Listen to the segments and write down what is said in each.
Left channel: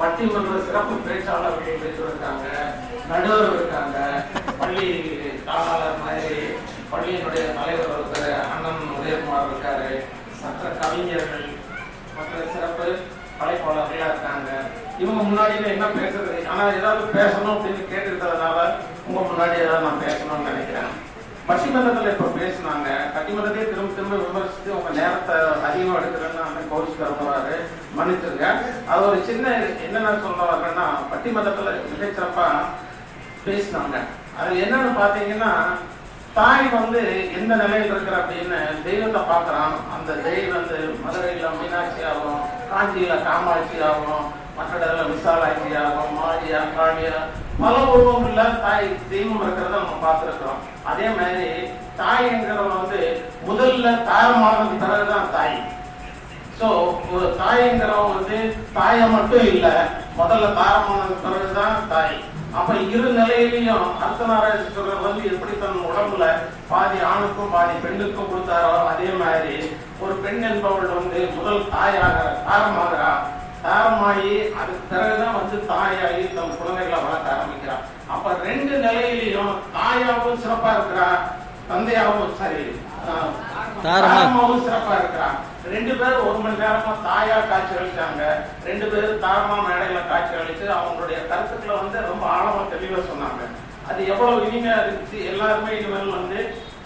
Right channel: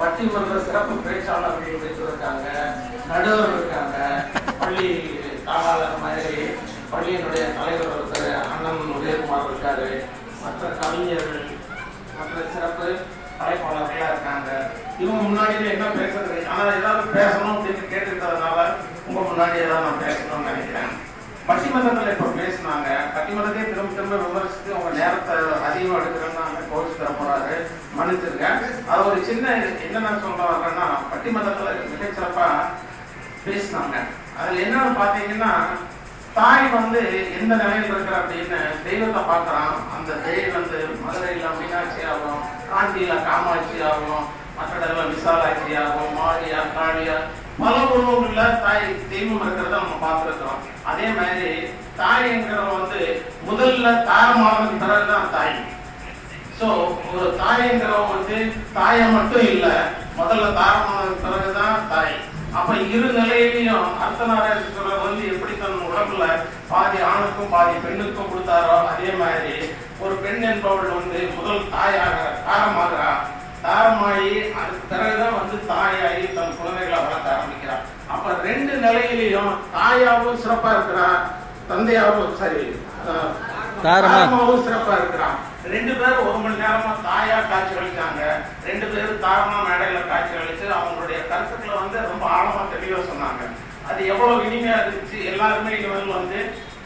பட்டிமன்ற சிறப்பு பேச்சாளர் இருக்காங்க. நடுவர் இருக்காங்க. பள்ளி தாளாளர் மாதிரி பள்ளியினுடைய தலைவர் ஒருத்தர் அண்ணன் உதயகுமார் இருக்காரு. மற்ற கவிஞர்கள் மற்ற சிறப்பு அழைப்பாளர்களா இருக்காங்க. இவங்க முன்னாடியில என்ன பேசுறது? ஆனா ஏதாவது பேசணும் அப்படின்னு கேட்டுக்கிட்டதுனால உங்க முன்னாடி ஏதாவது நான் பேசணும்னு நினைக்கிறேன். பட்டிமன்றத்தில் இப்போ பேசினாங்க. பட்டிமன்றத்தையே திரும்ப திரும்ப விமர்சித்து அவங்க நேரத்தை அதிகமாக எடுக்கிறேன்னு கௌசி தரப்போறாரு மன்னிச்சிருக்கேன் அது ஒரு சின்ன என்னென்ன சொல்ல வர்றேன்னா மதத்துல மிகச்சிறப்பா பேசினாங்க. அதுல என்னன்னு பாத்தீங்கன்னா தாய் வந்து எந்த நிலையில இருக்கிற அப்படின்னு தெய்வத்தை பார்க்கறான். அந்த தெய்வம் வந்து மதுரையில மீனாட்சி ஆகும் காஞ்சியில காமாட்சி ஆகும் மற்ற விசாலாட்சி ஆகும் மாடியா காளியா பல உருவங்கள்ல தாய் தெய்வம் இருக்கிறத நம்ம பார்த்துருக்கிறோம். அதே மாதிரி தாய்ங்கிறவங்க வந்து முதல்ல தாரமானதுக்கு பிறகுதான் தாய். சோ ஒரு தாய்ங்கிறவங்க வந்து தாயை மட்டும் இல்ல முதல்ல தாரமானதுக்கு பிறகுதான் தாய். அப்ப இரு நிலையிலையும் அர்த்தநாராயணர் வந்து எப்படி தன் உடம்புல பாதி ஆணுக்கும் பாதி பெண்ணுக்கும் கொடுத்தாரோ அதே மாதிரி ஒரு பெண் என்பவள் வந்து முதல் தாயாக தாரமாகிறா. தாரமாயி அதுக்கு பிறகுதான் வந்து தாயாகி தன் குழந்தைகளை வளர்க்க ஆரம்பிக்கிறான் அப்ப ரெண்டு நிலையிலையும் தாயாவும் சிறப்பா இருக்கிறான் தந்தையாவும் சரி. தாரமாவும் சிறப்பா இருக்கிறான். ரெண்டு பேரும் ஒரு மணி நேரமா தாயா காட்சி அளித்தாங்க ரெண்டு பேரும் தாரமா மேடையில காட்சி அளித்து அவங்களுடைய கருத்துக்களை வந்து ரொம்ப ஆழமா தெளிவா சொன்னாங்க. அது எவ்வளவு இனிமையா இருந்துச்சு. எல்லாருமே இவர்கள் வந்து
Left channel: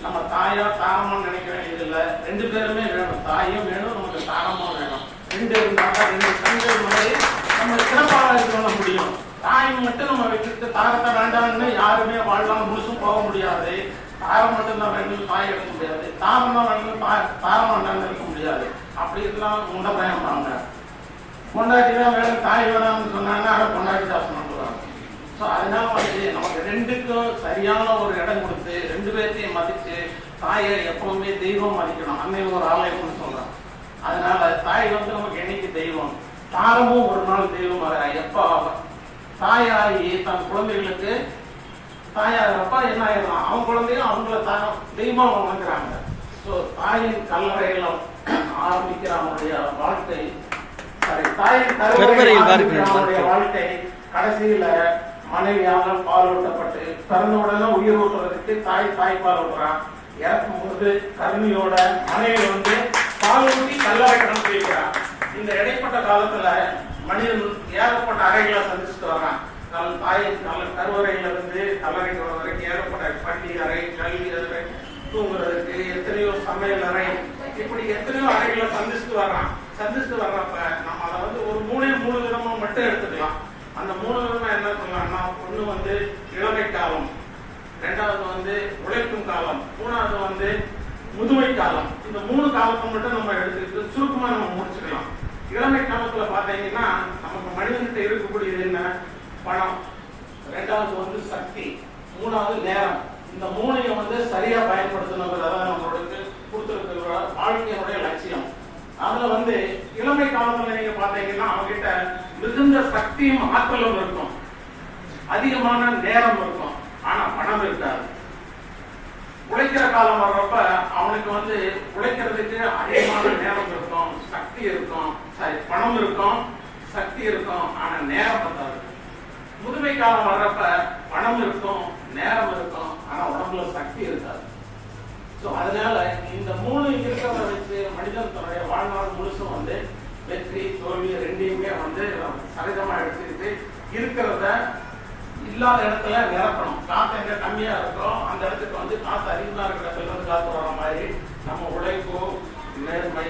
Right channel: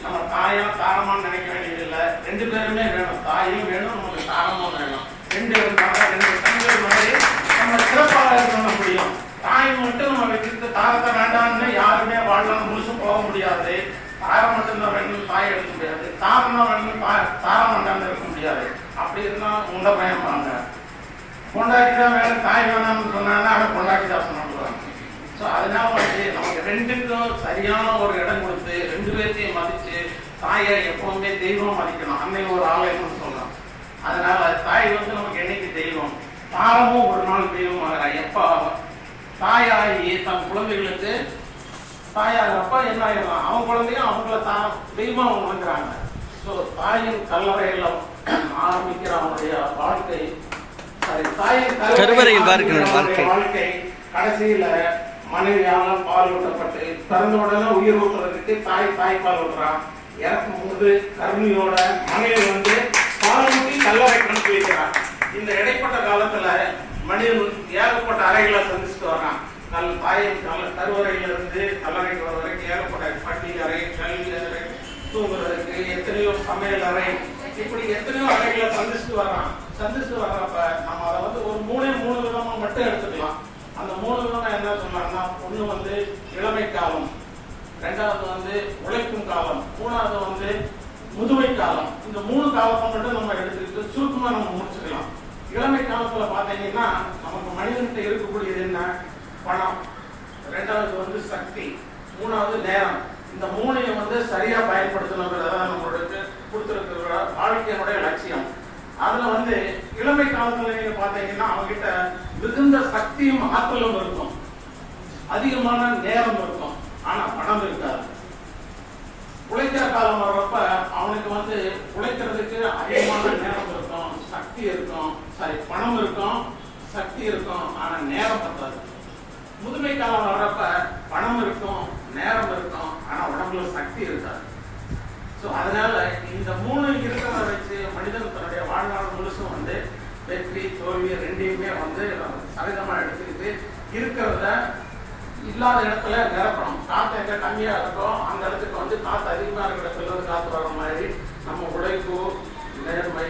நம்ம தாயா தாரமா நினைக்க வேண்டியது இல்ல ரெண்டு பேருமே வேணும். தாயும் வேணும் நமக்கு தாரமும் வேணும். ரெண்டு இருந்தாங்க ரெண்டு கண்கள் மாதிரி நம்ம சிறப்பாக இருக்க முடியும் தாய் மட்டும் நம்ம வச்சுட்டு தாரத்தை வேண்டாம்னு யாருமே வாழ்லாம் முழுசும் போக முடியாது. தாரம் மட்டும்தான் வேணும் பாய் எடுக்க முடியாது. தாரம் தான் வேணும் தாரம் வேண்டாம்னு இருக்க முடியாது. அப்படி இருந்தால் உங்களை பயம் பண்ணாங்க. கொண்டாடி தான் வேணும் தாய் வேணாம்னு சொன்னாங்க அதை கொண்டாடி தான் சொன்னாங்க ஸோ அதனால வந்து நமக்கு ரெண்டுக்கும் சரியான ஒரு இடம் கொடுத்து ரெண்டு பேர்த்தையும் மதிச்சு தாயை எப்பவுமே தெய்வம் மதிக்கணும். அன்னை ஒரு ஆலயம்னு சொல்லலாம் அதனால தாய் வந்து நமக்கு என்னைக்கு தெய்வம்? தாரமும் ஒரு நாள் தெய்வம் வரா எப்போ? தாயாகி தன் குழந்தைகளுக்கு தாயாகிறப்ப என்ன ஆயிடலாம் அவன் குழந்தையும் அவங்கள தான் தெய்வமா உணர்கிறாங்க ஸோ தாயின் கல்லறையில ஆரம்பிக்கிற அவனுடைய வாழ்க்கை கருவறையில் வாழ்க்கை. வாழ்க்கை கடைசியில மனைவியால பால் ஊட்டப்பட்டு பிறந்த உடனே உயிர் ஊட்டுறதுக்கு தாய் தாய் பால் ஊட்டுறான் இறக்கும் போது கருணியோட மனைவி வந்து பால் ஊட்டி கல்லறை அனுப்பி வைக்கிறான் இந்த இடைப்பட்ட காலத்துல மனிதன் ஏகப்பட்ட அறைகளை சந்திச்சுட்டு வர்றான். நம் தாயின் நல்ல கருவறையிலிருந்து இருந்து கல்லறைக்கு வர பட்டியலறை கல்வியறை அறை கல்வி தூங்குறதுக்கு எத்தனையோ சமையல் அறை. இப்படி எத்தனையோ அறைகளை சந்திச்சுட்டு வர்றான். சந்திச்சுட்டு வர்றப்ப நம்ம அதை வந்து ஒரு மூணே மூணு விதமா மட்டும் எடுத்துக்கலாம். அந்த மூணு விதமா என்ன சொல்லலாம்னா ஒண்ணு வந்து இளமை காலம் ரெண்டாவது வந்து உழைக்கும் காலம் மூணாவது வந்து முதுமை காலம். இந்த மூணு காலத்தை மட்டும் நம்ம எடுத்துக்கிட்டு சுருக்கமா நம்ம முடிச்சுக்கலாம். இளமை காலத்துல பாத்தீங்கன்னா நமக்கு மனிதன்கிட்ட இருக்கக்கூடியது என்ன? பணம். ரெண்டாவது வந்து சக்தி. மூணாவது நேரம். இந்த மூணையும் வந்து சரியா பயன்படுத்தணுங்கிறது அதான் கொடுத்துருக்கிற வாழ்க்கையினுடைய லட்சியம். அதுல வந்து இளமை காலத்துல நீங்க பாத்தீங்கன்னா அவங்க கிட்ட மிகுந்த சக்தியும் ஆற்றலும் இருக்கும். அதிகமான நேரம் இருக்கும். ஆனா பணம் இருக்காது. உழைக்கிற காலம் வர்றப்ப அவனுக்கு வந்து உழைக்கிறதுக்கு அதிகமான நேரம் இருக்கும். சக்தி இருக்கும். சாரி பணம் இருக்கும். சக்தி இருக்கும். ஆனா நேரம் முதுமை காலம் வர்றப்ப பணம் இருக்கும் நேரம் இருக்கும் ஆனா உடம்புல சக்தி இருக்காது. சோ அதனால இந்த மூணு இருக்கிறத வச்சு மனிதன் தன்னுடைய வாழ்நாள் முழுசும் வந்து வெற்றி தோல்வி ரெண்டையுமே வந்து சகஜமா எடுத்துக்கிட்டு இருக்கிறத இல்லாத இடத்துல நிரப்பணும். காத்து எங்க கம்மியா இருக்கோ அந்த இடத்துக்கு வந்து காத்து அதிகமா இருக்கிற இடத்துல வந்து காத்து வர மாதிரி நம்ம உழைப்பு நேர்மை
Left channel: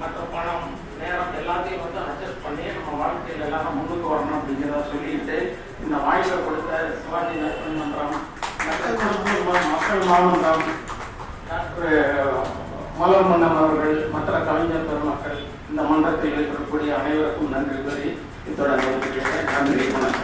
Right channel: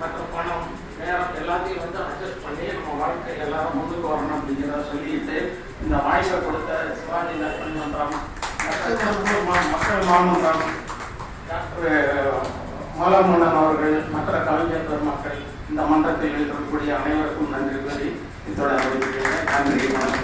மற்றும் பணம் நேரம் எல்லாத்தையும் வந்து அட்ஜஸ்ட் பண்ணி நம்ம வாழ்க்கையில எல்லாரும் முன்னுக்கு வரணும் அப்படிங்கிறத சொல்லிட்டு இந்த வாய்ப்பை கொடுத்த சிவாஜி நரசிம்மன் மன்றம் மக்கள் மக்கள் மாமன்றம் டாக்டர் மாலமன்னன் அவர்கள் மற்ற கலைஞர் பெருமக்கள் இந்த மன்றத்தில் இருக்கக்கூடிய அனைவருக்கும் நன்றி கூறி இத்தோட நன்றி வணக்கம்.